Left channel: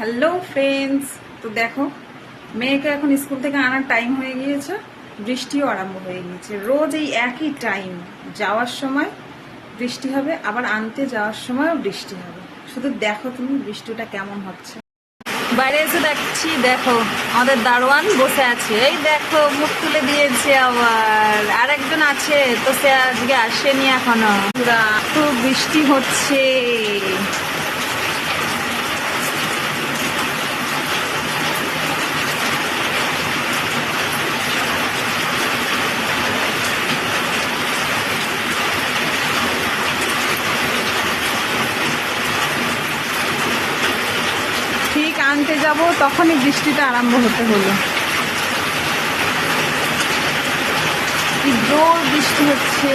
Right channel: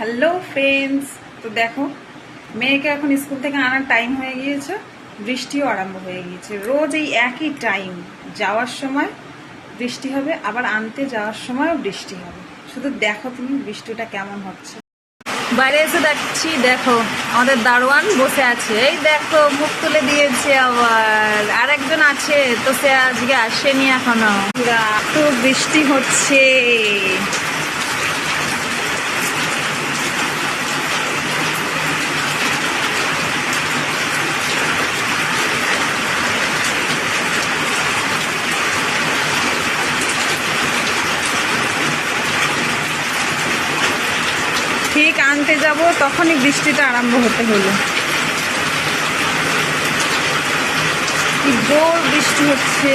Hello friends, তো দেখো মেয়েকে এখন স্কুল থেকে আনার টাইম হয়ে গিয়েছে, বৃষ্টিও আরম্ভ হয়ে গিয়েছে। রোজ এই একই টাইম, যাওয়ার সময় বৃষ্টি হবে, আবার আনতে যাওয়ার সময়ও বৃষ্টি হবে। শুধু দেখো তুমি বৃষ্টিটা কেমন হচ্ছে। বাইরে এসে দেখছি, দেখো আমাদের দারোয়ান বসে আছে, এই দেখো মুখ তুলে দিয়েছে। আবার আরেকজন আছে, তো সে আজকে আসেনি এখনো। পুরা তো বৃষ্টি হচ্ছে। ঠিক আনতে যাব তখনই বৃষ্টিটা আরম্ভ হতে হলো। কি জোর বৃষ্টি হচ্ছে।